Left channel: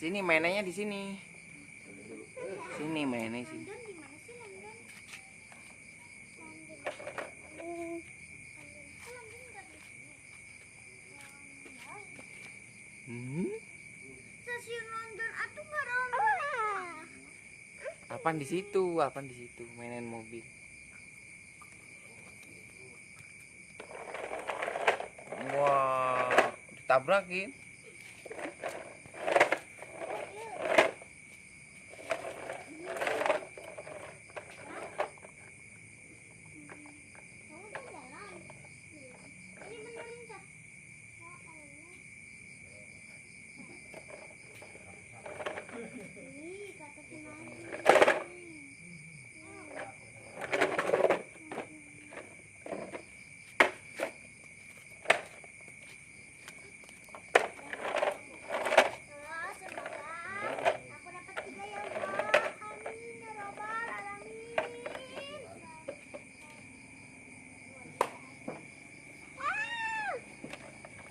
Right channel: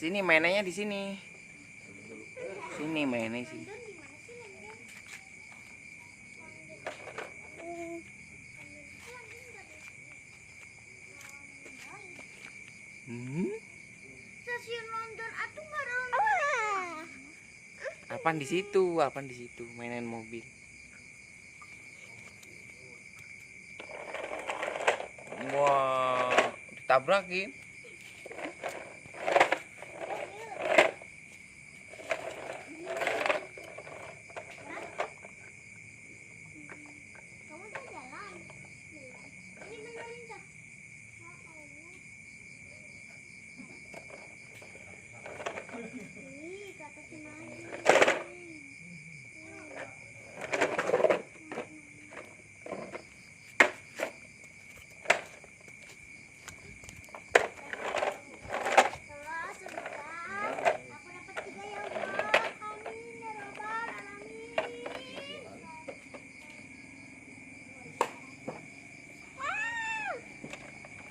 Sini mainannya di sini. Sini mainnya sini. Apaan di situ? Apaan di situ? Mainan mobil. Wah, ditabrakin.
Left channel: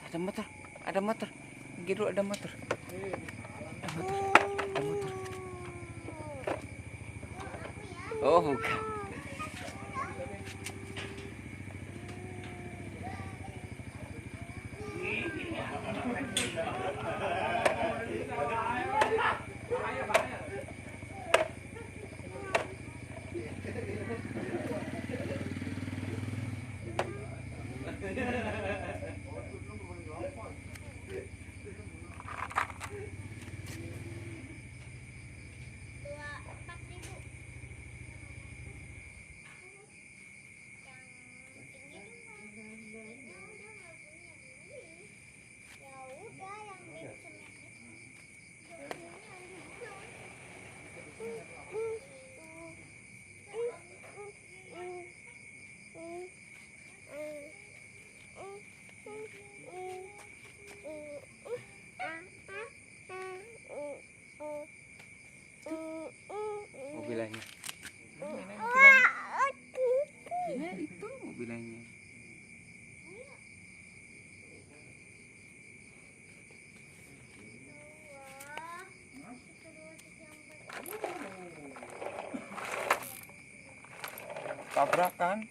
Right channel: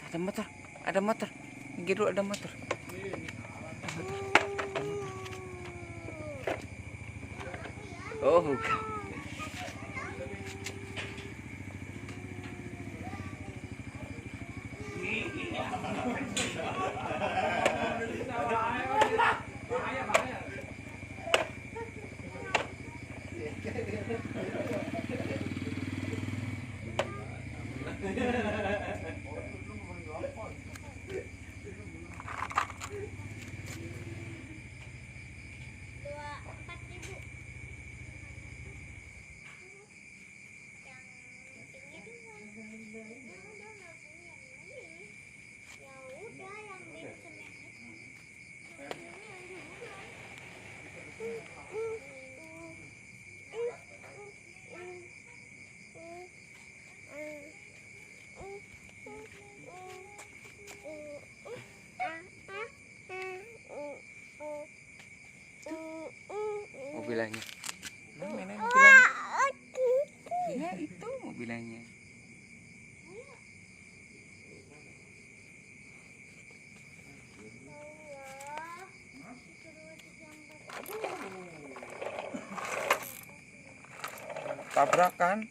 Ada motor, ada motor. Minggir dulu, ada motor. Ada motor, ada motor. Oh, bukan. Mobilannya. Iya, itu mobilannya. Tabrakan.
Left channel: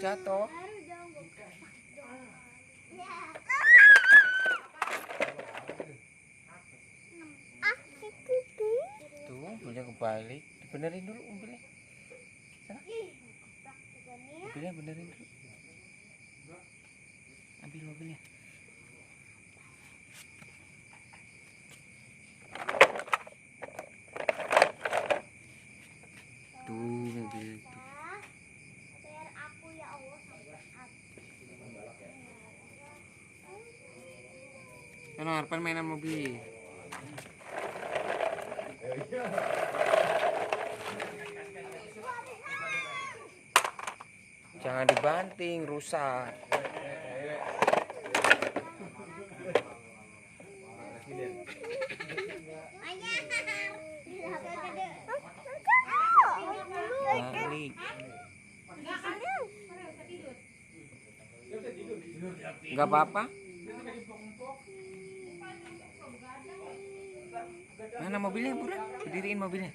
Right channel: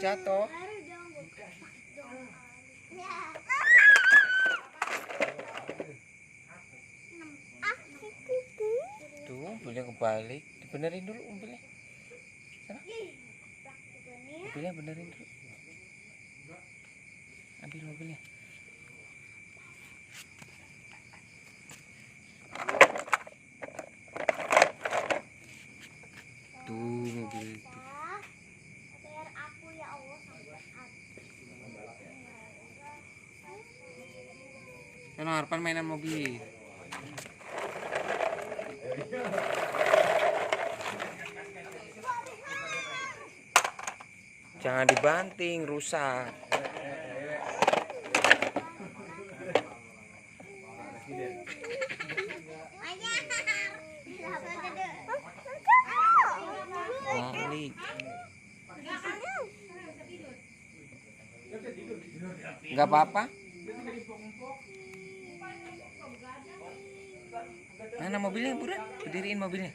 Jatuh. Tuh, mobilnya kebalik. Dibenerin dulu mobilnya. Sana. Mobilnya benerin dulu. Ambil mobilnya. Tuh, mobil itu. Karena harapan mainan mobil. Jangan dibanting, rusak. Balik. Enggak apa-apa. Mana mobilnya, buruan? Berdiriin mobilnya.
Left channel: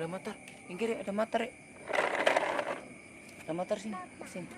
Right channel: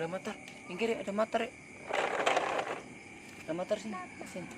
Ada motor. Minggir ya, ada motor ya. Ada motor sini. Sini.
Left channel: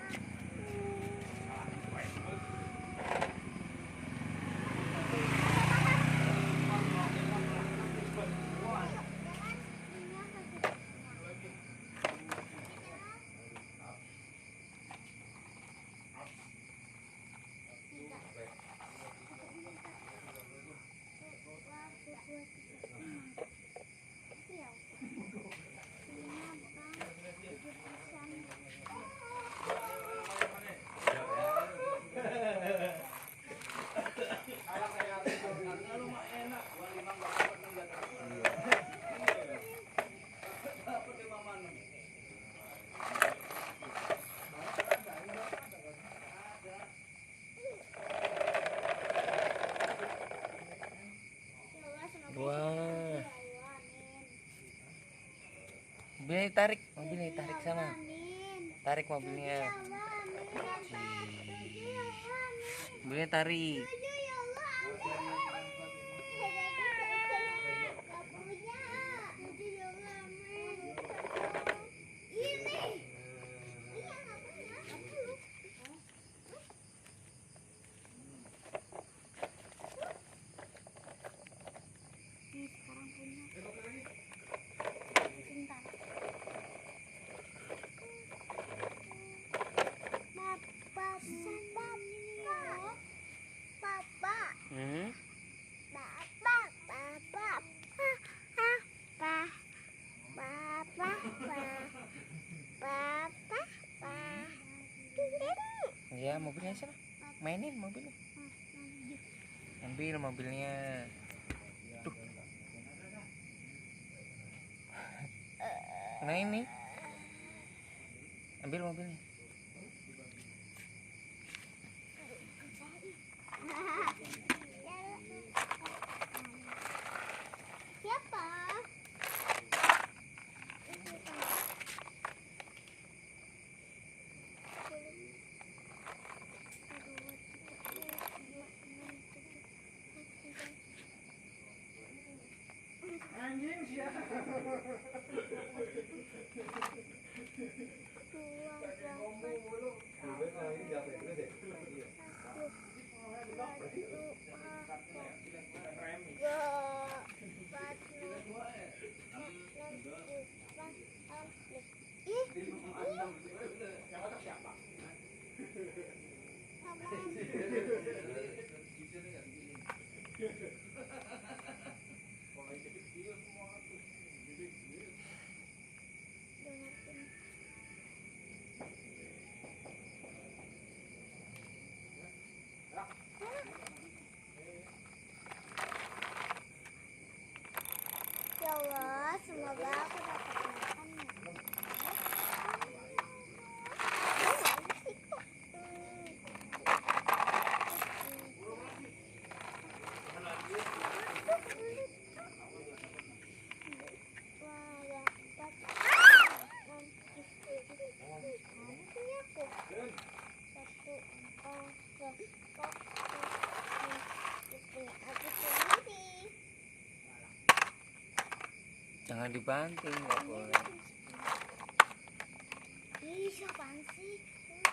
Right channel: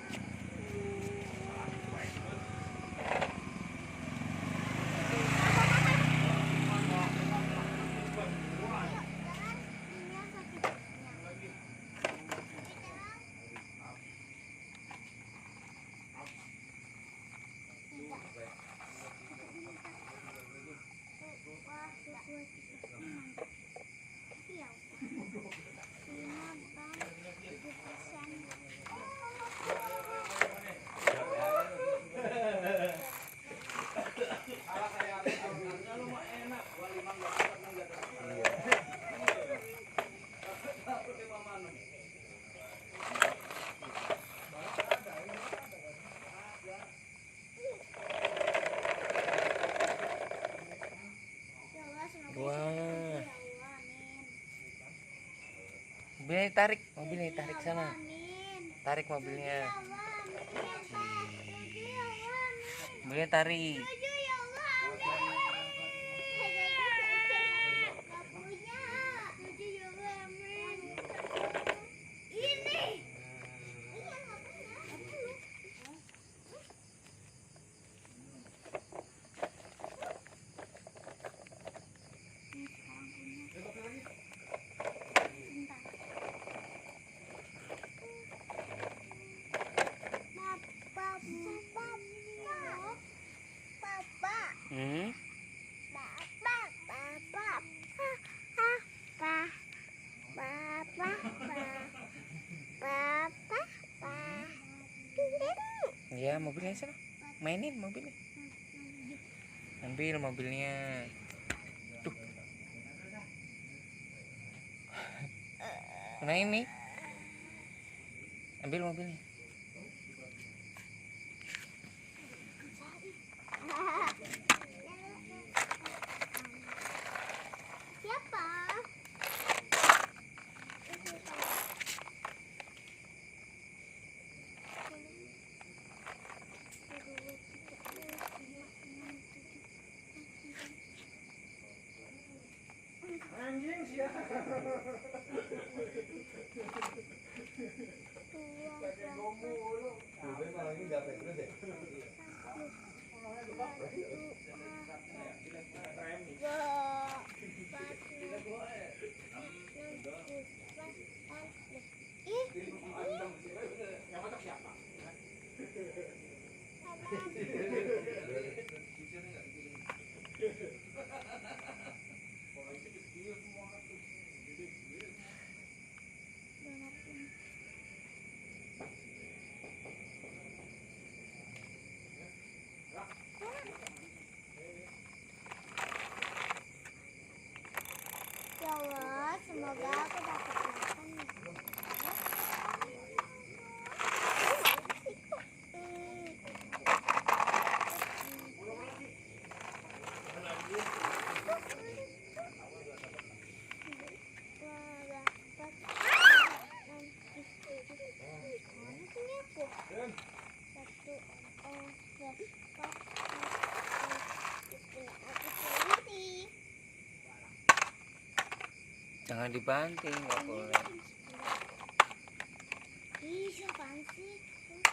Wah. Mobilnya tarik, mobilnya tarik sana. Tarik mobilnya. Mobilnya tarik. Ya, mobilnya sana. Mainin mobilnya. Ambil mobilnya. Tuh. Nah ini. Ambil mobilnya. Siapa? Anjing siapa? Ya Allah, semoga aku dapat makan. Jangan dibanting, nggak boleh. Ih, siapaan sih? Ih,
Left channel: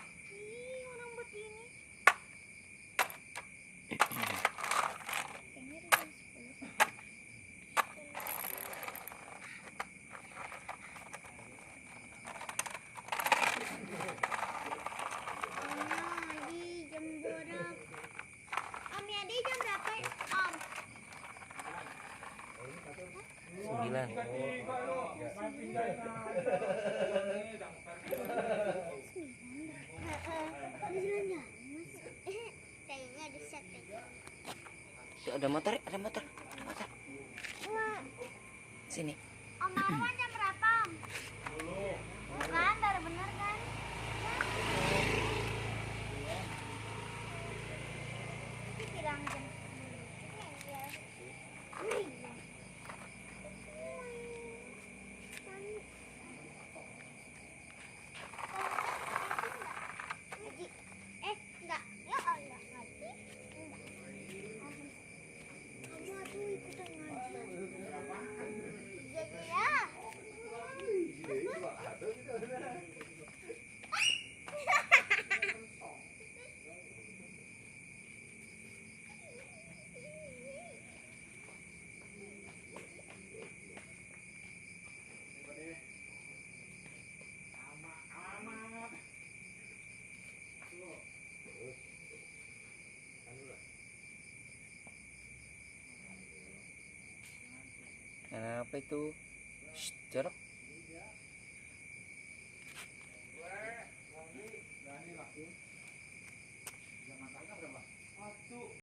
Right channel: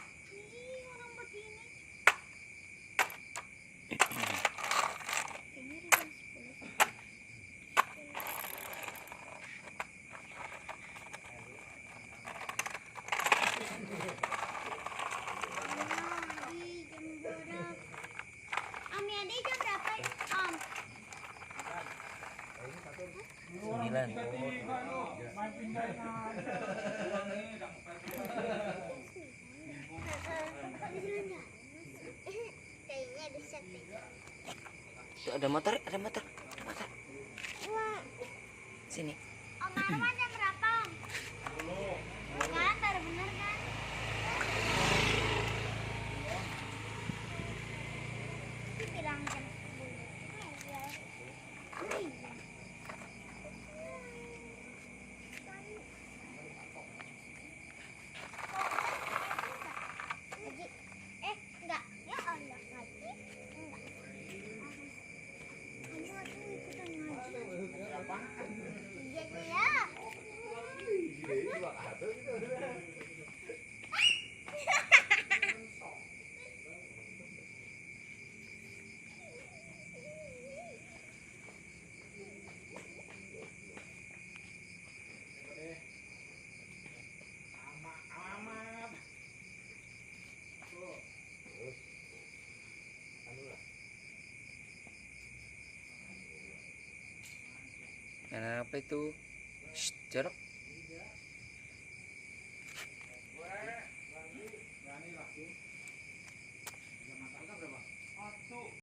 orang begini. Kayaknya udah jam 10. Adi, jam berapa? Om, Adi jam berapa ya, Om? 9. Main pindah. Kayaknya di setting. Tuh ada motor, ada motor, ada motor. Wah, Sini. Om Marwan jam berapa, Om? Bukan, baru bener kan? Bilang jam 10. Enggak. Ya Allah, lagi. Enggak. Kamu aku ikutan ngaji. Iya, ya. Mainan apa itu? Shh, jorok.